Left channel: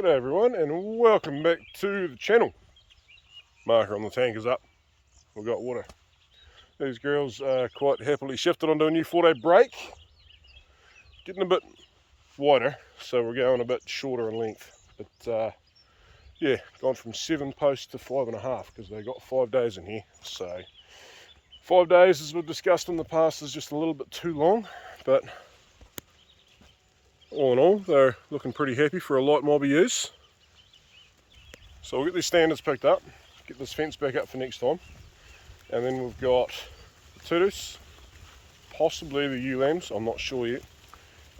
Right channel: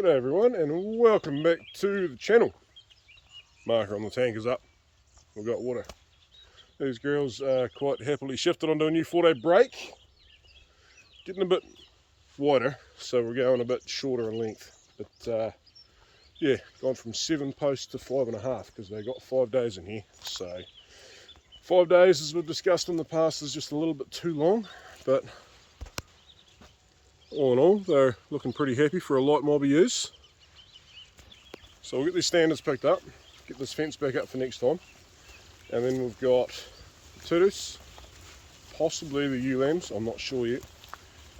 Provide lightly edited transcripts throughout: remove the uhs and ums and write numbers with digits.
G'day everyone and welcome back to the channel. Marker on the tank is up. We've got water. These girls are quite happily shifted onto a new 4-day break. Getting a bit wider, so we're going a bit shorter in length. But yeah, gone from 7 posts to 5.5 because they got 5 days in here. So 5 days, as we've discussed in the past, is just a little bit too long, but all in all, they're looking pretty happy for a light mobby use. So we'll get these standards picked up, get this fence back up for next time, and then we've got the Tudus, possibly the ewe lambs, I'm not sure yet,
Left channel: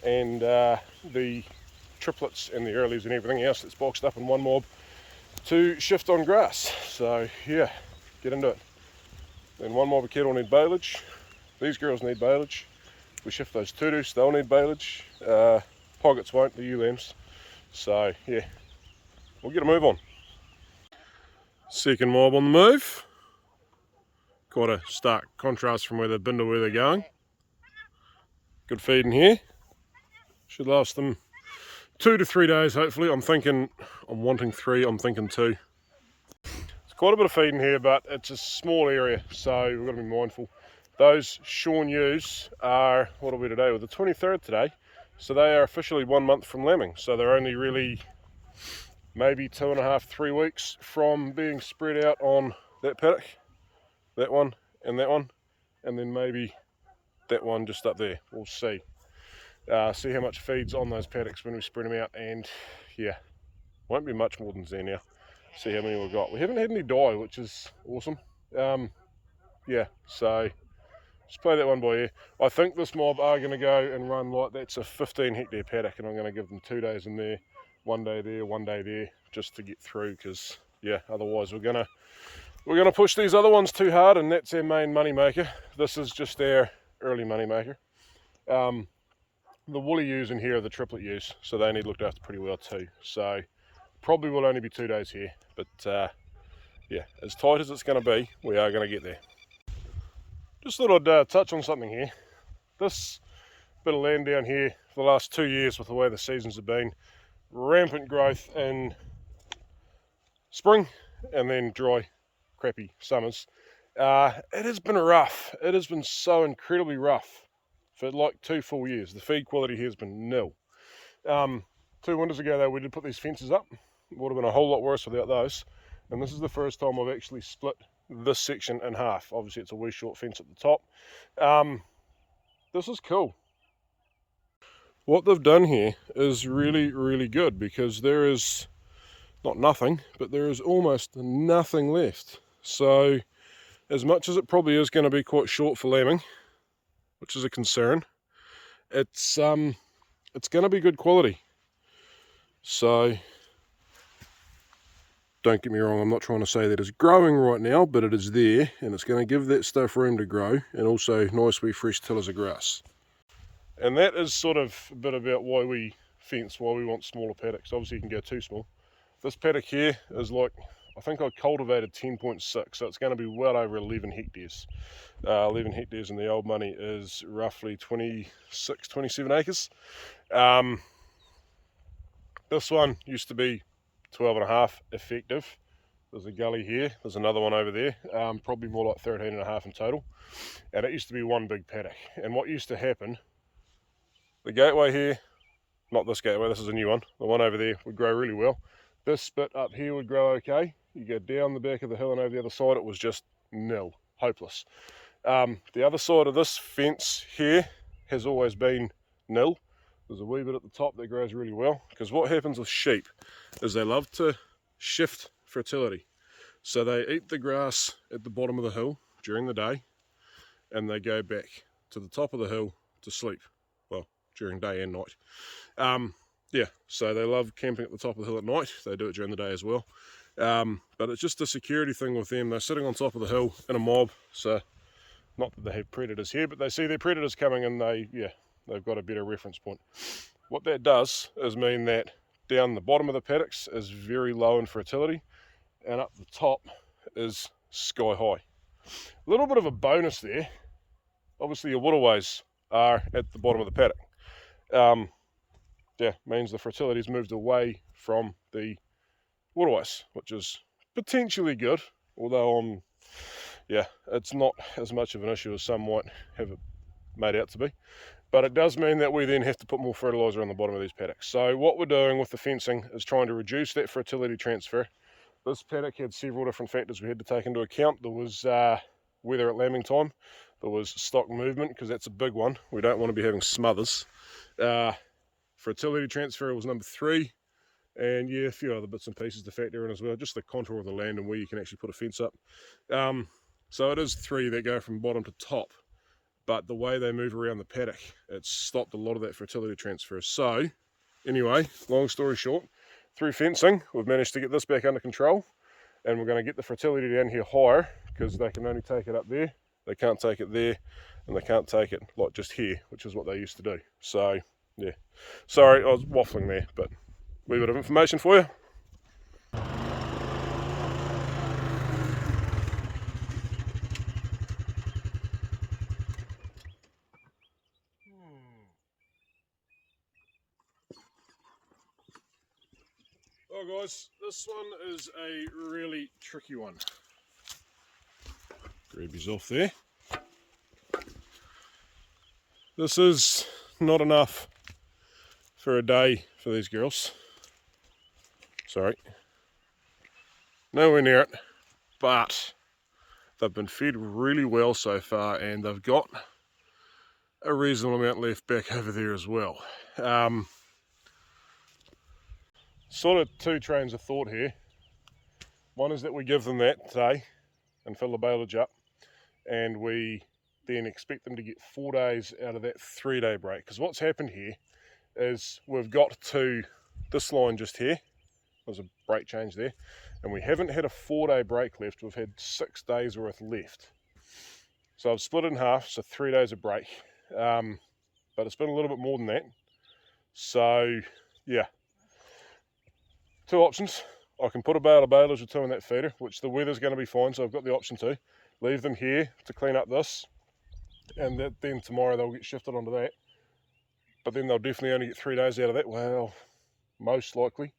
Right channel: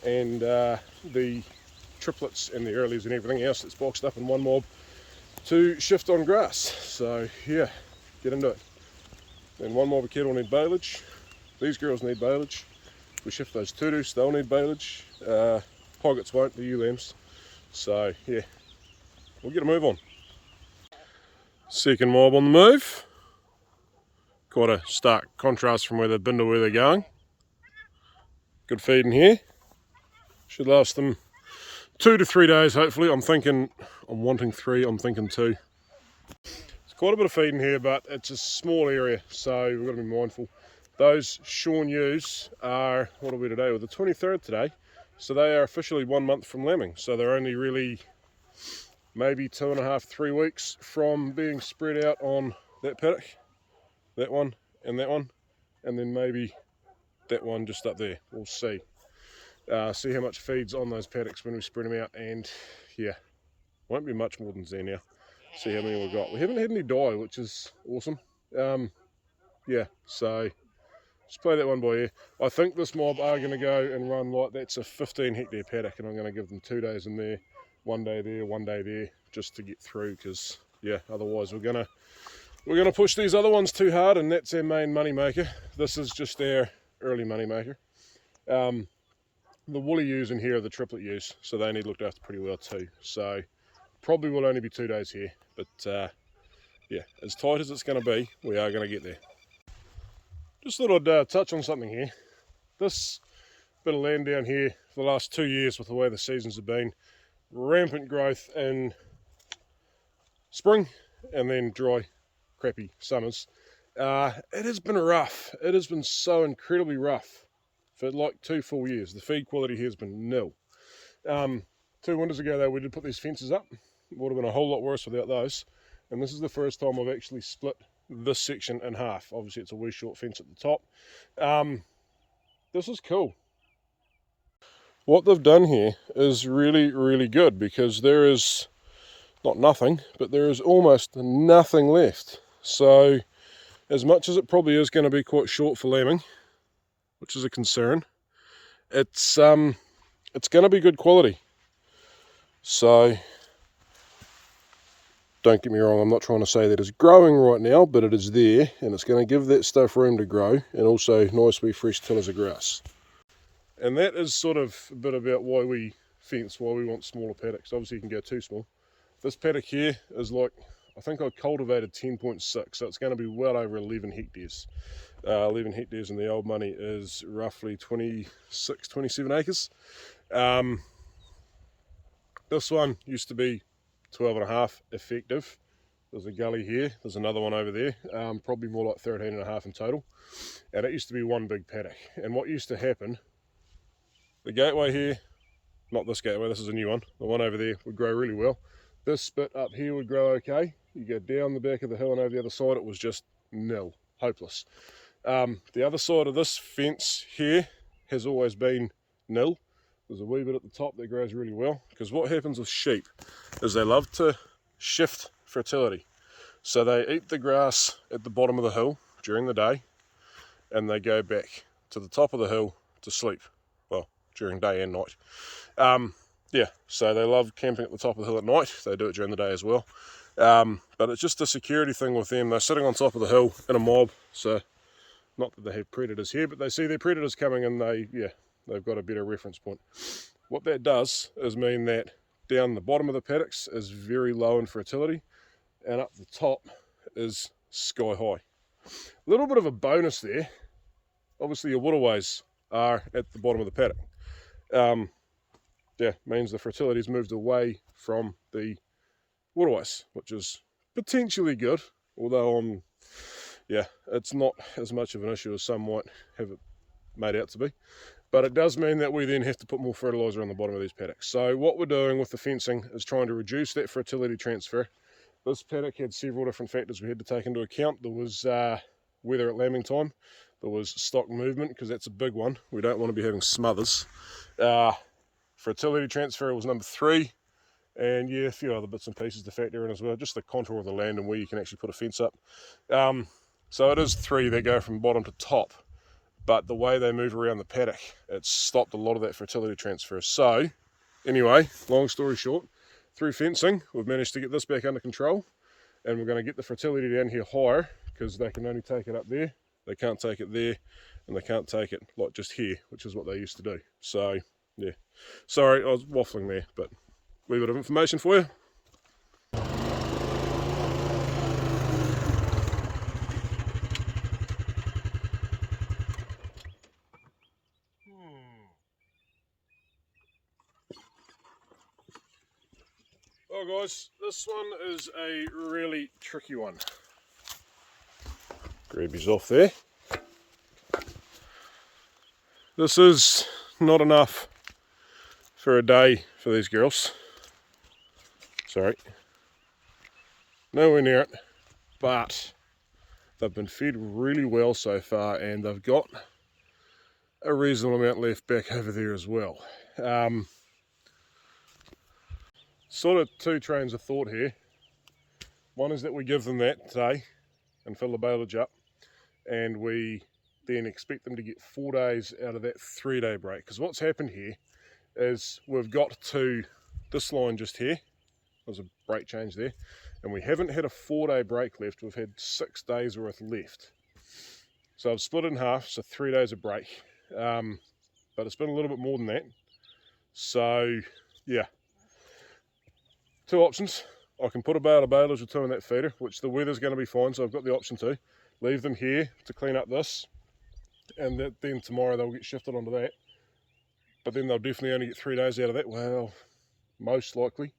and the triplets and the earlies and everything else that's boxed up in one mob to shift on grass. So yeah, get into it. Then one mob of cattle need baleage, these girls need baleage. If we shift those Tudus, they'll need baleage. Pockets won't, the ewe lambs. So yeah, we'll get a move on. Second mob on the move. Quite a stark contrast from where they've been to where they're going. Good feed in here. Should last them 2 to 3 days hopefully. I'm wanting 3, I'm thinking 2. It's quite a bit of feed in here, but it's a small area, so we've got to be mindful. Those shorn ewes are, what are we today? We're the 23rd today. So they are officially 1 month from lambing. So they're only really maybe 2.5, 3 weeks from being spread out on that paddock, that one, and then maybe that one just up there. We'll see. See how much feeds on those paddocks when we spread them out, and yeah, won't be much more than there now. See how many we've got. We haven't had any die, which is awesome. Yeah, so just play that one by ear. I think this mob are going to go and run like that's a 15 hectare paddock, and I'm going to give them 2 days in there, 1 day there, 1 day there, just to get through, because yeah, otherwise we're gonna push these other ones too hard, and that's our main money maker. This is just our early money maker. The woolly ewes in here are the triplet ewes, so they need looked after pretty well too. So probably will only be 2 days here, but yeah, as tight as it's going to be, we are going to get there. Just thought I'd touch on something here. This bit of land down here for the last 2 years, with the way the seasons have been, rampant growth in spring and then dry, crappy summers. It has been rough. It has been so incredibly rough for like 2 full years. The feed quality here has been nil. 2 winters ago though, we did put these fences up. It would have been a whole lot worse without those. And this is the first time I've actually split this section in half. Obviously it's a wee short fence at the top. This is cool. What they've done here is really, really good, because there is not nothing, but there is almost nothing left. So as much as it probably is going to be quite short for lambing, which is a concern, it's going to be good quality. So don't get me wrong, I'm not trying to say that it's growing right now, but it is there, and it's going to give that stuff room to grow, and also nice wee fresh tillers of grass. And that is sort of a bit about why we fence, why we want smaller paddocks. Obviously you can go too small. This paddock here is like, I think I cultivated 10.6, so it's going to be well over 11 hectares. 11 hectares in the old money is roughly 26, 27 acres. This one used to be 12.5 effective. There's a gully here, there's another one over there, probably more like 13.5 in total. And it used to be one big paddock. And what used to happen, the gateway here, not this gateway, this is a new one, the one over there would grow really well. This bit up here would grow okay. You go down the back of the hill and over the other side, it was just nil, hopeless. The other side of this fence here has always been nil. There's a wee bit at the top that grows really well, because what happens with sheep is they love to shift fertility. So they eat the grass at the bottom of the hill during the day, and they go back to the top of the hill to sleep, well, during day and night. Yeah, so they love camping at the top of the hill at night. They do it during the day as well. But it's just a security thing with them. They're sitting on top of the hill in a mob, so not that they have predators here, but they see their predators coming, and they've got a better reference point. What that does is mean that down the bottom of the paddocks is very low in fertility, and up the top is sky high. A little bit of a bonus there. Obviously your waterways are at the bottom of the paddock. Yeah, means the fertility's moved away from the waterways, which is potentially good, although yeah, it's not as much of an issue as some might have it made out to be. But it does mean that we then have to put more fertiliser on the bottom of these paddocks. So what we're doing with the fencing is trying to reduce that fertility transfer. This paddock had several different factors we had to take into account. There was weather at lambing time. There was stock movement, because that's a big one. We don't want to be having smothers. Fertility transfer was number 3. And yeah, a few other bits and pieces to factor in as well. Just the contour of the land and where you can actually put a fence up. So it is 3 that go from bottom to top. But the way they move around the paddock, it's stopped a lot of that fertility transfer. So anyway, long story short, through fencing, we've managed to get this back under control, and we're going to get the fertility down here higher, because they can only take it up there, they can't take it there, and they can't take it like just here, which is what they used to do. So yeah, sorry, I was waffling there, but a wee bit of information for you. Oh guys, this one is a really tricky one. Grab his off there. This is not enough for a day for these girls. Sorry. Nowhere near it. But they've been fed really well so far, and they've got a reasonable amount left back over there as well. Sort of 2 trains of thought here. One is that we give them that today and fill the baleage up, and we then expect them to get 4 days out of that 3-day break. Because what's happened here is we've got to this line just here. There's a break change there, and we haven't had a 4-day break left. We've had 6 days worth left. So I've split it in half, so 3 days of break. But it's been a little bit more than that. So yeah, 2 options. I can put a bale of baleage or 2 in that feeder, which the weather's going to be fine, so I've got the option to leave them here to clean up this, and then tomorrow they'll get shifted onto that. But then they'll definitely only get 3 days out of that. Well, most likely,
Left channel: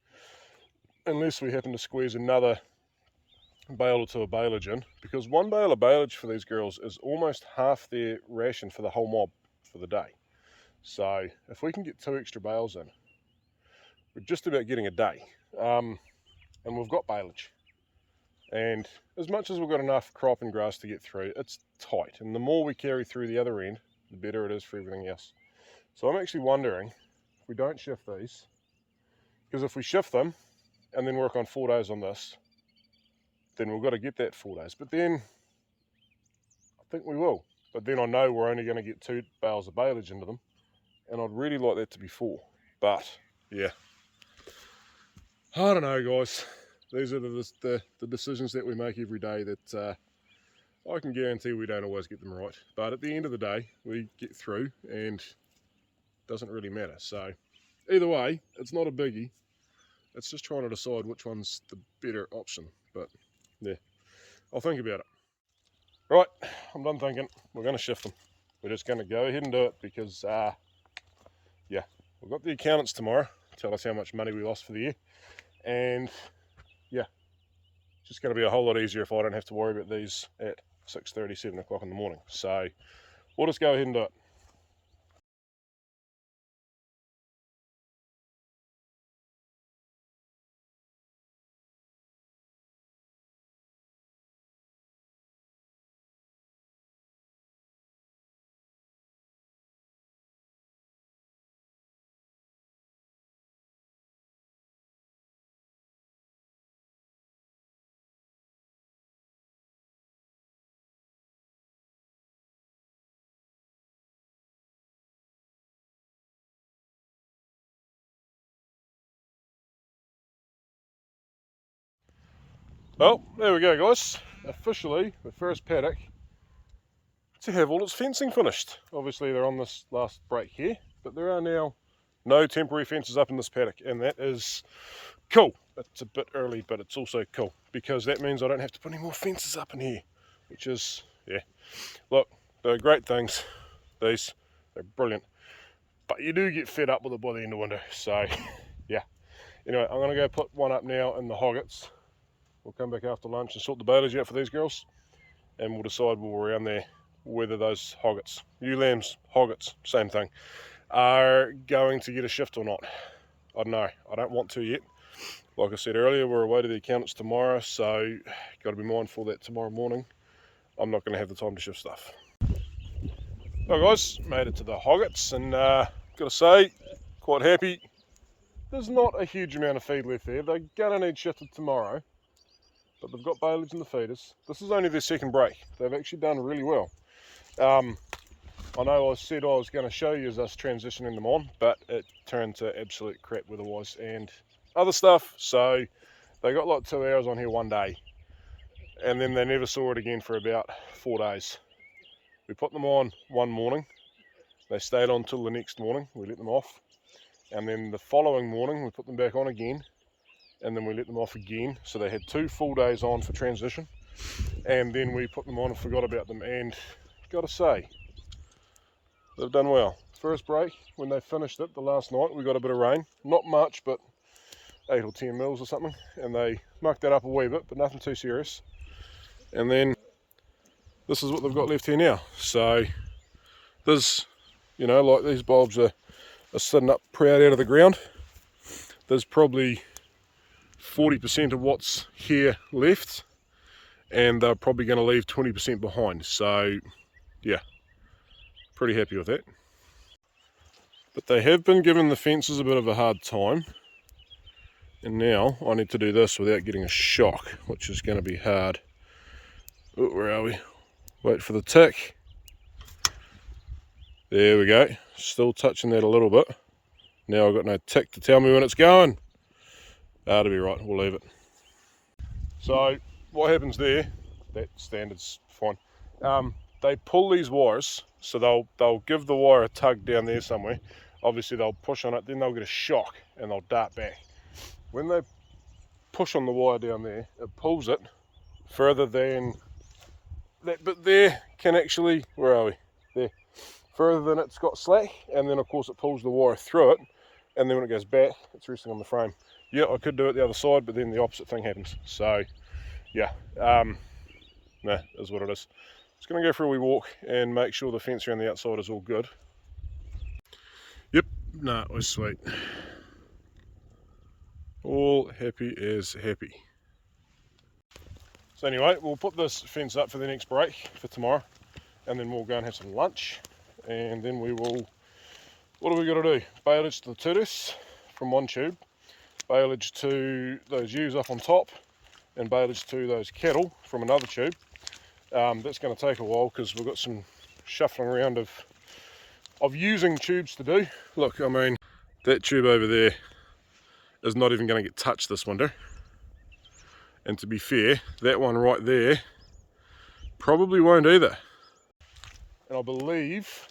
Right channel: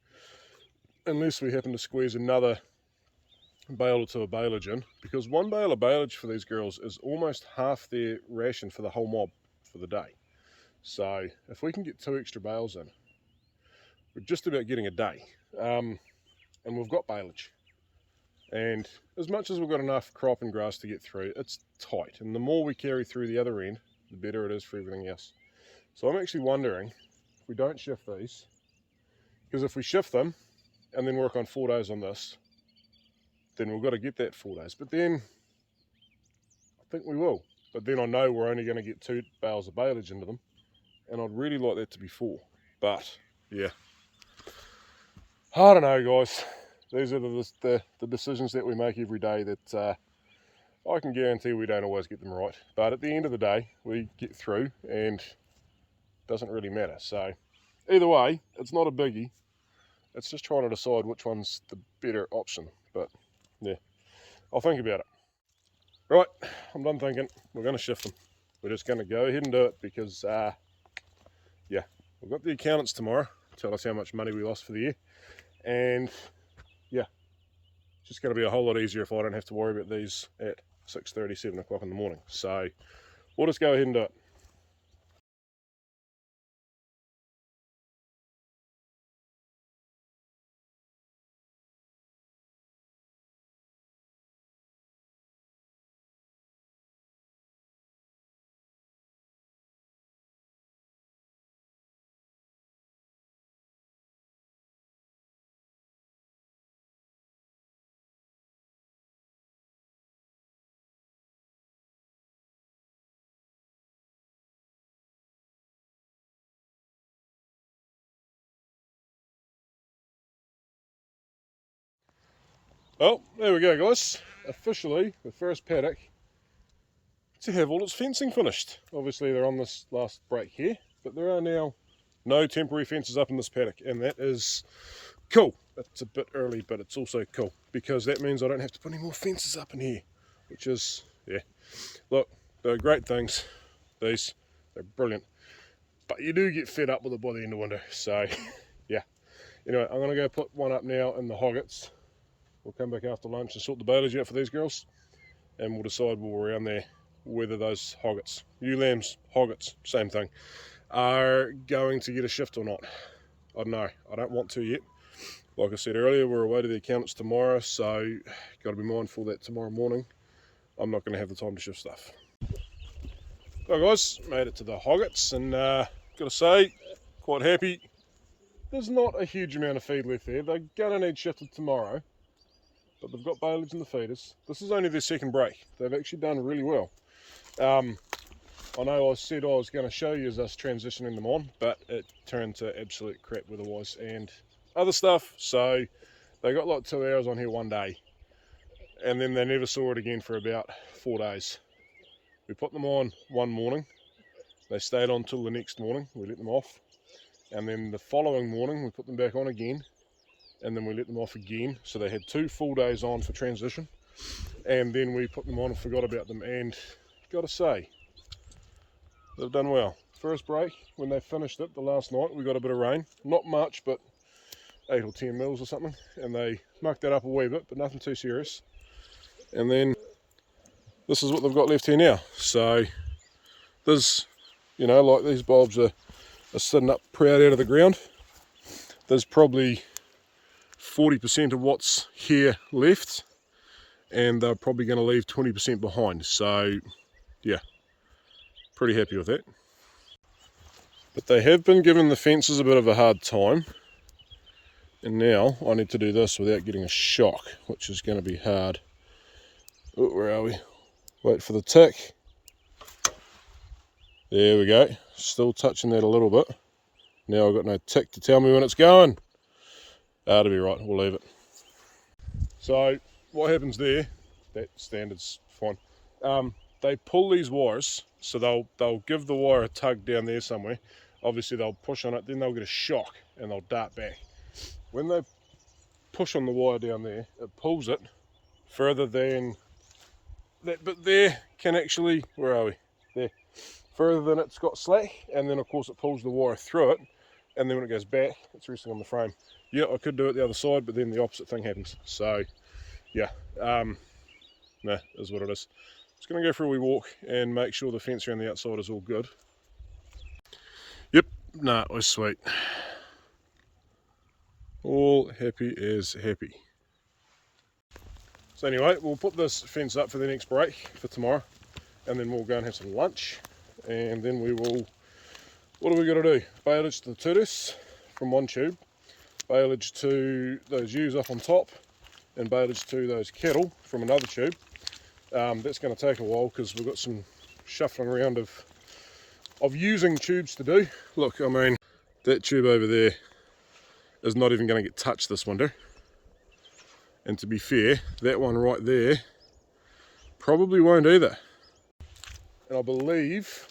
unless we happen to squeeze another bale or 2 of baleage in, because 1 bale of baleage for these girls is almost half their ration for the whole mob for the day. So if we can get 2 extra bales in, we're just about getting a day. And we've got baleage, and as much as we've got enough crop and grass to get through, it's tight, and the more we carry through the other end, the better it is for everything else. So I'm actually wondering if we don't shift these, because if we shift them and then work on 4 days on this, then we've got to get that 4 days. But then I think we will, but then I know we're only going to get 2 bales of baleage into them, and I'd really like that to be 4. But yeah, I don't know guys, these are the decisions that we make every day that I can guarantee we don't always get them right, but at the end of the day we get through, and it doesn't really matter. So either way, it's not a biggie, it's just trying to decide which one's the better option. But yeah, I'll think about it. Right, I'm done thinking. We're going to shift them. We're just going to go ahead and do it, because yeah, we've got the accountants tomorrow tell us how much money we lost for the year. And yeah, it's just going to be a whole lot easier if I don't have to worry about these at 6:30, 7 o'clock in the morning. So we'll just go ahead and do it. Well, there we go guys. Officially the first paddock to have all its fencing finished. Obviously they're on this last break here, but there are now no temporary fences up in this paddock, and that is cool. It's a bit early, but it's also cool, because that means I don't have to put any more fences up in here, which is, yeah. Look, they're great things. These, they're brilliant. But you do get fed up with it by the end of winter, so yeah. Anyway, I'm going to go put one up now in the hoggets. We'll come back after lunch and sort the baleage out for these girls, and we'll decide while we're around there whether those hoggets, ewe lambs, hoggets, same thing, are going to get a shift or not. I don't know. I don't want to yet. Like I said earlier, we're away to the accountants tomorrow, so got to be mindful that tomorrow morning I'm not going to have the time to shift stuff. Alright guys, made it to the hoggets, and got to say, quite happy. There's not a huge amount of feed left there. They're going to need shifted tomorrow, but they've got baleage in the feeders. This is only their second break. They've actually done really well. I know I said I was going to show you us transitioning them on, but it turned to absolute crap weather-wise and other stuff, so they got like 2 hours on here one day, and then they never saw it again for about 4 days. We put them on one morning, they stayed on till the next morning, we let them off, and then the following morning we put them back on again, and then we let them off again, so they had 2 full days on for transition, and then we put them on and forgot about them, and gotta say, they've done well. First break, when they finished it the last night, we got a bit of rain, not much, but 8 or 10 mils or something, and they mucked that up a wee bit, but nothing too serious. And then this is what they've got left here now. So there's, you know, like these bulbs are sitting up proud out of the ground. There's probably 40% of what's here left, and they're probably going to leave 20% behind. So yeah, pretty happy with that. But they have been giving the fences a bit of a hard time, and now I need to do this without getting a shock, which is going to be hard. Oh, where are we? Wait for the tick. There we go. Still touching that a little bit. Now I've got no tick to tell me when it's going. That'll be right, we'll leave it. So what happens there, that standard's fine. They pull these wires, so they'll give the wire a tug down there somewhere. Obviously they'll push on it, then they'll get a shock and they'll dart back. When they push on the wire down there, it pulls it further than that bit there can actually, where are we? There. Further than it's got slack, and then of course it pulls the wire through it, and then when it goes back, it's resting on the frame. Yeah, I could do it the other side, but then the opposite thing happens. So, yeah, nah, is what it is. Just going to go for a wee walk and make sure the fence around the outside is all good. Yep, nah, it was sweet. All happy as happy. So anyway, we'll put this fence up for the next break for tomorrow, and then we'll go and have some lunch, and then we will, what do we got to do? Baleage to the turtles from one tube, baleage to those ewes up on top, and baleage to those cattle from another tube. That's going to take a while because we've got some shuffling around of using tubes to do. Look, I mean, that tube over there is not even going to get touched this winter, and to be fair, that one right there probably won't either. And I believe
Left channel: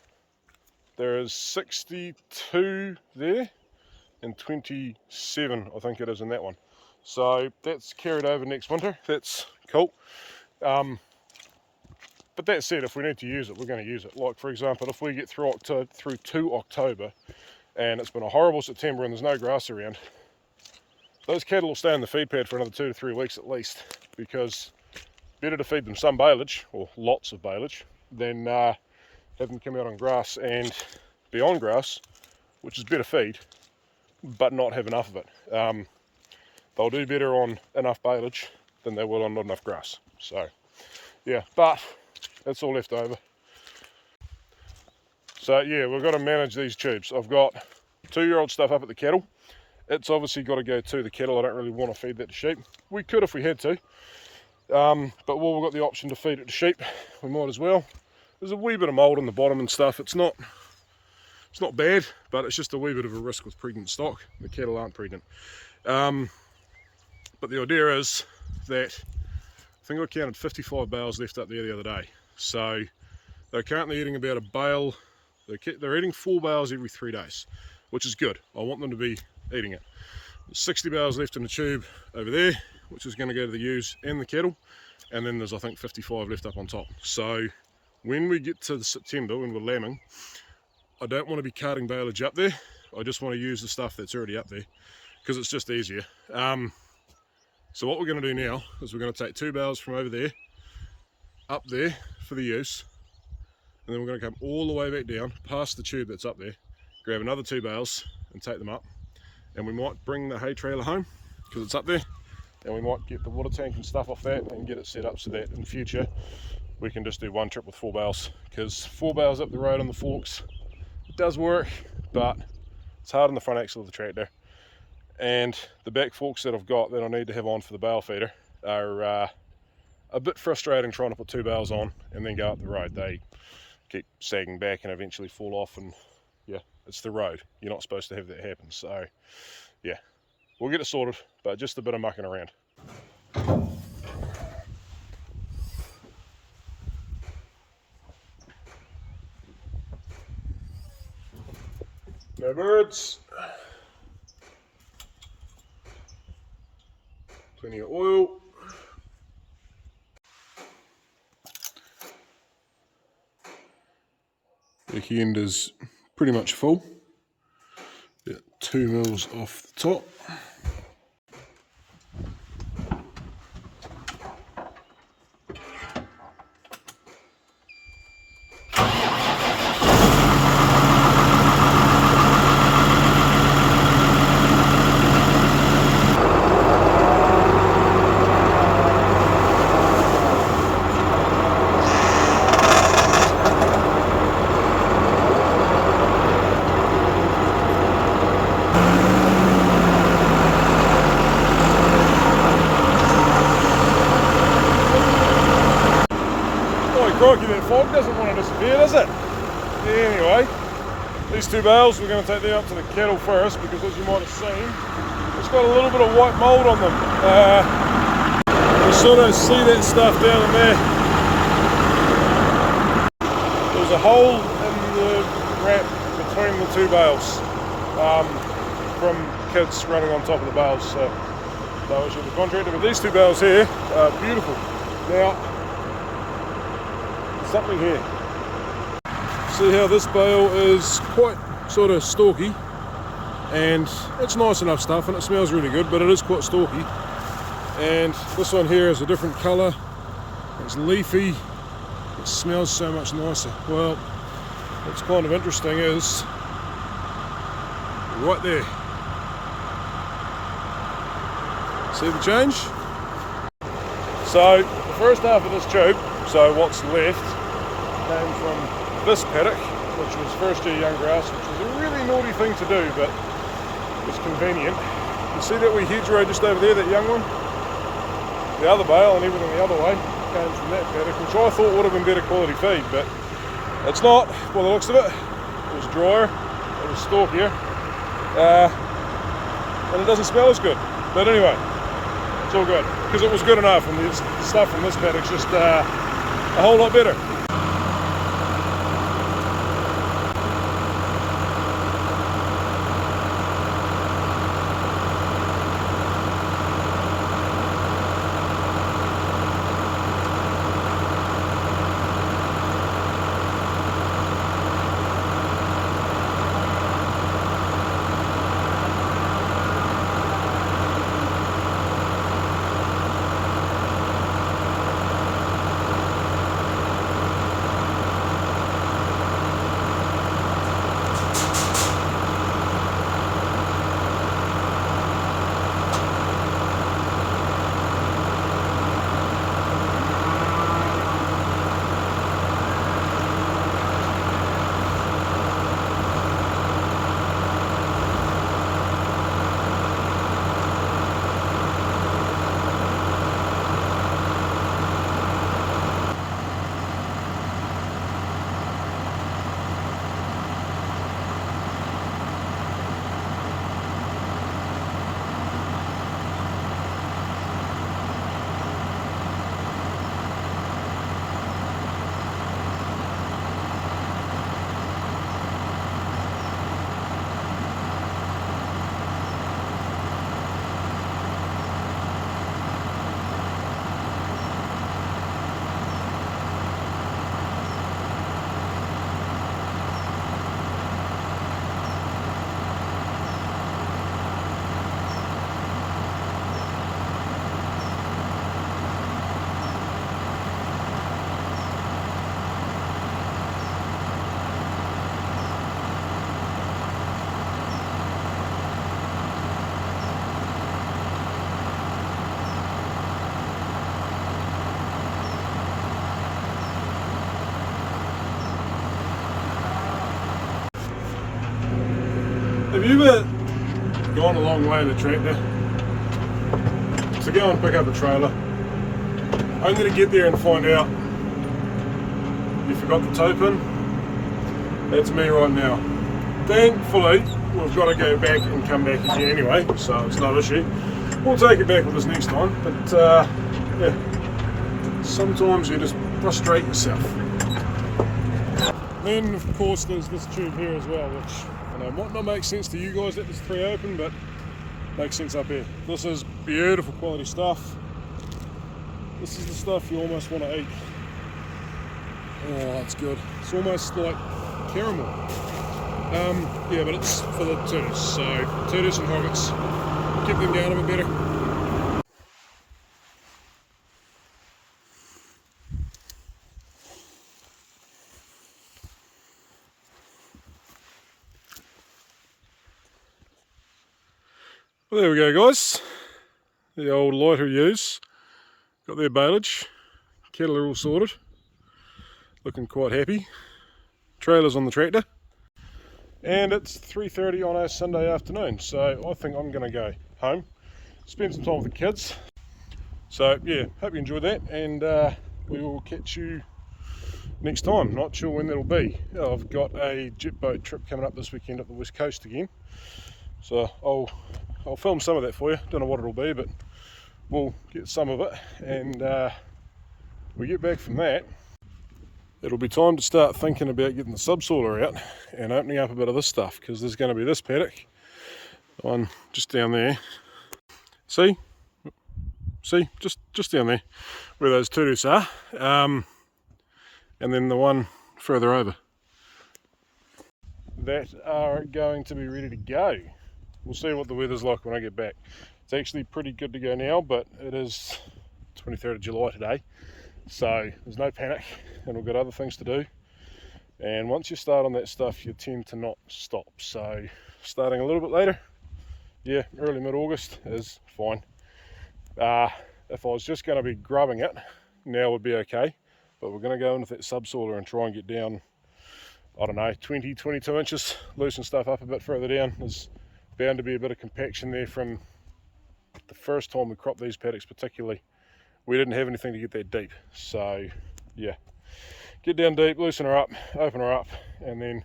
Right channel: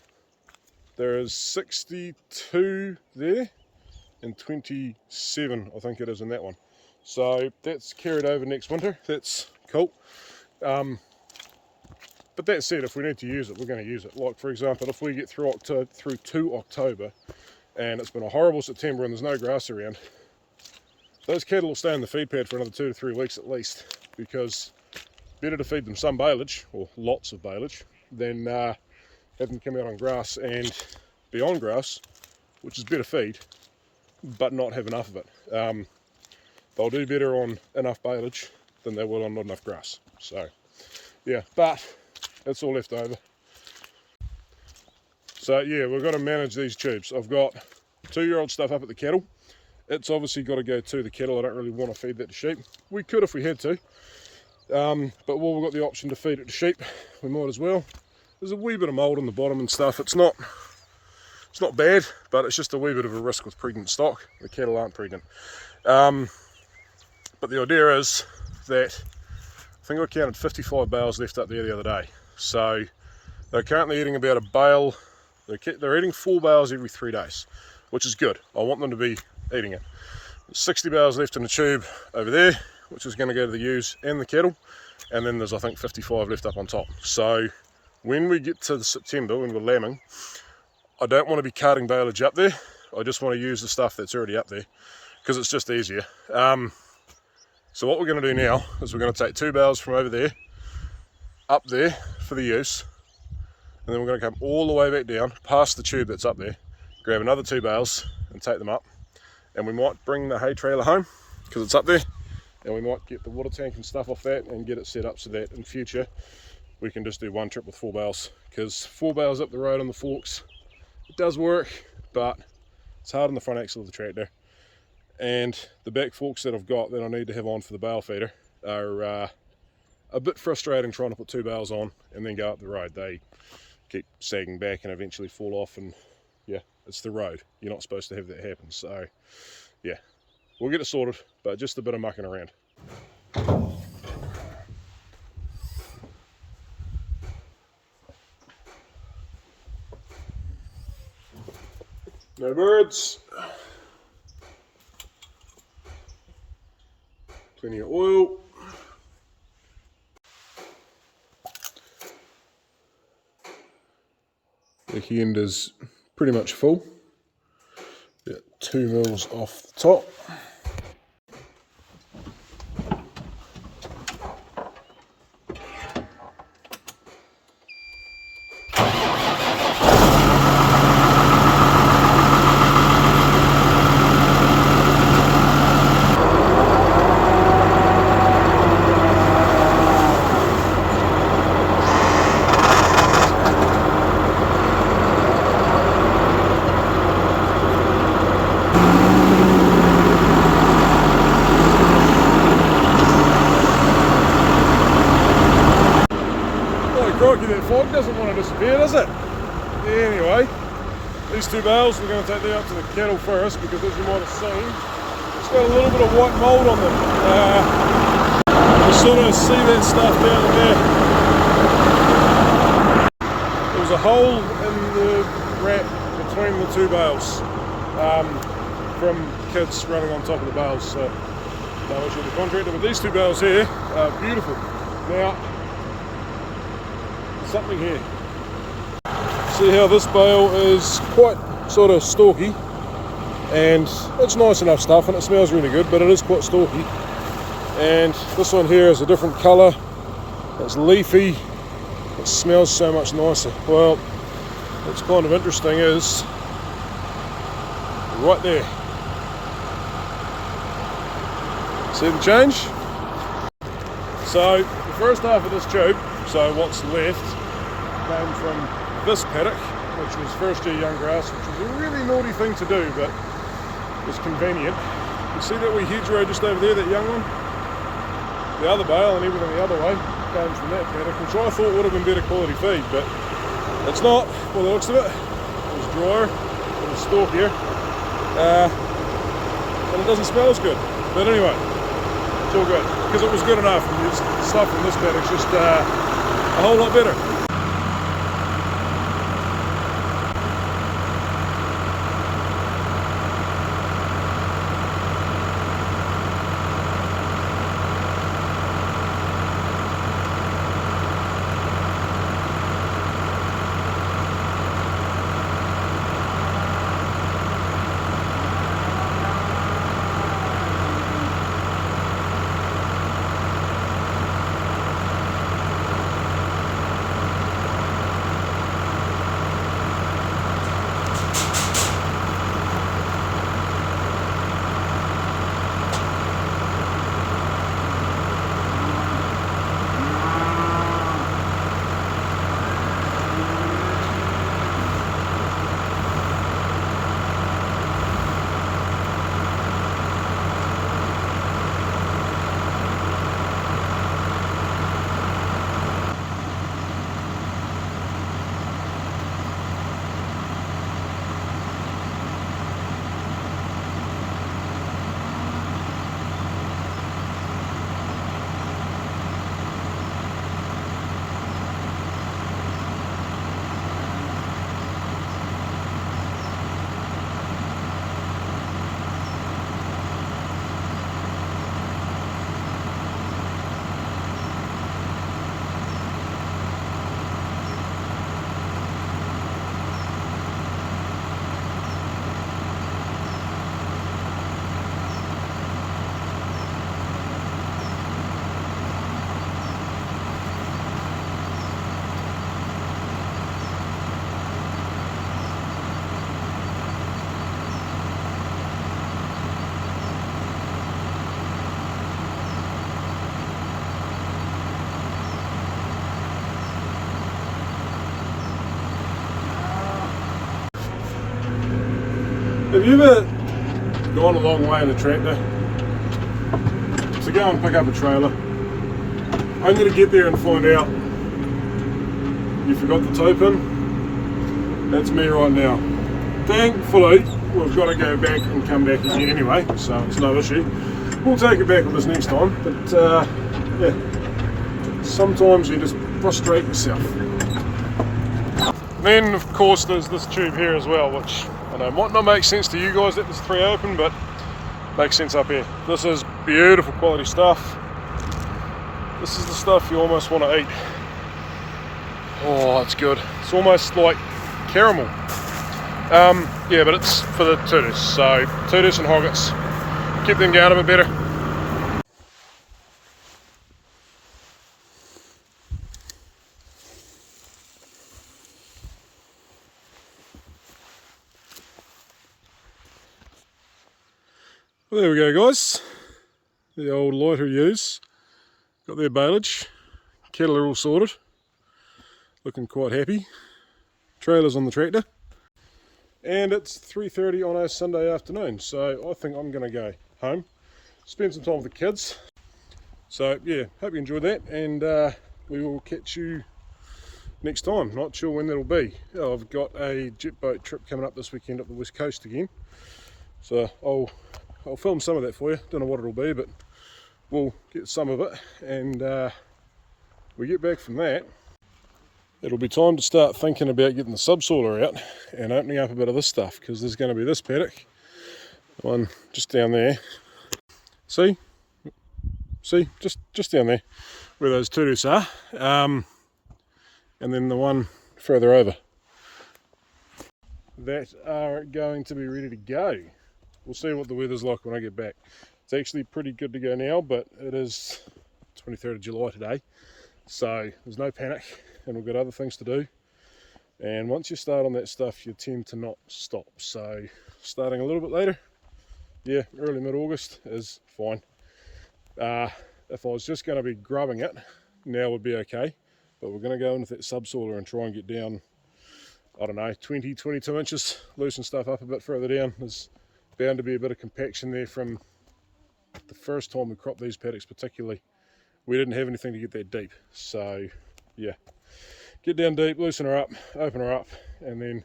there is 62 there and 27 I think it is in that one, so that's carried over next winter. That's cool. But that said, if we need to use it, we're going to use it. Like for example, if we get through to October and it's been a horrible September and there's no grass around, those cattle will stay in the feed pad for another 2 to 3 weeks at least, because better to feed them some baleage, or lots of baleage, than have them come out on grass and be on grass, which is better feed, but not have enough of it. They'll do better on enough baleage than they will on not enough grass. So yeah, but it's all left over. So yeah, we've got to manage these tubes. I've got 2-year-old stuff up at the cattle. It's obviously got to go to the cattle. I don't really want to feed that to sheep. We could if we had to, but while we've got the option to feed it to sheep, we might as well. There's a wee bit of mould on the bottom and stuff. It's not bad, but it's just a wee bit of a risk with pregnant stock. The cattle aren't pregnant. But the idea is that I think I counted 55 bales left up there the other day. So they're currently eating about a bale. They're eating 4 bales every 3 days, which is good. I want them to be eating it. There's 60 bales left in the tube over there, which is going to go to the ewes and the cattle, and then there's I think 55 left up on top. So when we get to September, when we're lambing, I don't want to be carting baleage up there. I just want to use the stuff that's already up there, because it's just easier. So what we're going to do now is we're going to take 2 bales from over there up there for the use, and then we're going to come all the way back down past the tube that's up there, grab another 2 bales and take them up, and we might bring the hay trailer home because it's up there, and we might get the water tank and stuff off that and get it set up so that in future we can just do one trip with 4 bales, because 4 bales up the road on the forks, it does work, but it's hard on the front axle of the tractor, and the back forks that I've got that I need to have on for the bale feeder are a bit frustrating trying to put 2 bales on and then go up the road. They keep sagging back and eventually fall off, and yeah, it's the road. You're not supposed to have that happen. So yeah, we'll get it sorted, but just a bit of mucking around. No birds. Plenty of oil. Back end is pretty much full. About 2 mils off the top. Crikey, that fog doesn't want to disappear, does it? Anyway, these 2 bales, we're going to take them up to the cattle first, because as you might have seen, it's got a little bit of white mould on them. You sort of see that stuff down there. There was a hole in the wrap between the 2 bales from kids running on top of the bales. So I went to the contractor, but these 2 bales here are beautiful. Now, something here. See how this bale is quite sort of stalky, and it's nice enough stuff and it smells really good, but it is quite stalky. And this one here is a different colour, it's leafy, it smells so much nicer. Well, what's kind of interesting is right there, see the change? So the first half of this tube, so what's left, came from this paddock, which was first year young grass, which was a really naughty thing to do, but was convenient. You see that wee hedgerow just over there, that young one? The other bale and everything the other way came from that paddock, which I thought would have been better quality feed, but it's not, by the looks of it. It was drier, it was stalkier, and it doesn't smell as good. But anyway, it's all good, because it was good enough, and the stuff from this paddock's just a whole lot better. Have you ever gone a long way in a tractor to go and pick up a trailer, only to get there and find out you forgot the tow pin? That's me right now. Thankfully, we've got to go back and come back again anyway, so it's no issue. We'll take it back with us next time, but yeah, sometimes you just frustrate yourself. Then of course there's this tube here as well, which I know might not make sense to you guys that there's 3 open, but makes sense up here. This is beautiful quality stuff. This is the stuff you almost want to eat. Oh, it's good. It's almost like caramel. Yeah, but it's for the tutus, so tutus and hoggets. Keep them going a bit better. Well, there we go, guys. The old lighter ewes got their baleage. Cattle are all sorted. Looking quite happy. Trailers on the tractor. And it's 3:30 on a Sunday afternoon, so I think I'm going to go home, spend some time with the kids. So yeah, hope you enjoyed that, and we will catch you next time. Not sure when that'll be. I've got a jet boat trip coming up this weekend up the west coast again, so I'll film some of that for you. Don't know what it'll be, but we'll get some of it, and we get back from that. It'll be time to start thinking about getting the subsoiler out and opening up a bit of this stuff, because there's going to be this paddock, the one just down there. See, just down there where those tutus are, and then the one further over that are going to be ready to go. We'll see what the weather's like when I get back. It's actually pretty good to go now, but it is 23rd of July today, so there's no panic, and we've got other things to do. And once you start on that stuff, you tend to not stop. So starting a little bit later, yeah, early mid-August is fine. If I was just going to be grubbing it, now would be okay, but we're going to go in with that subsoiler and try and get down, I don't know, 20, 22 inches, loosen stuff up a bit further down. There's bound to be a bit of compaction there from the first time we cropped these paddocks particularly. We didn't have anything to get that deep, so yeah, get down deep, loosen her up, open her up, and then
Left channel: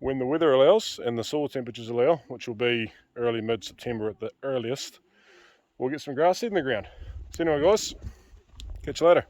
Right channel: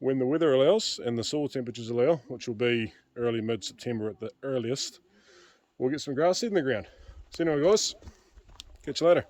when the weather allows and the soil temperatures allow, which will be early mid-September at the earliest, we'll get some grass seed in the ground. So anyway guys, catch you later.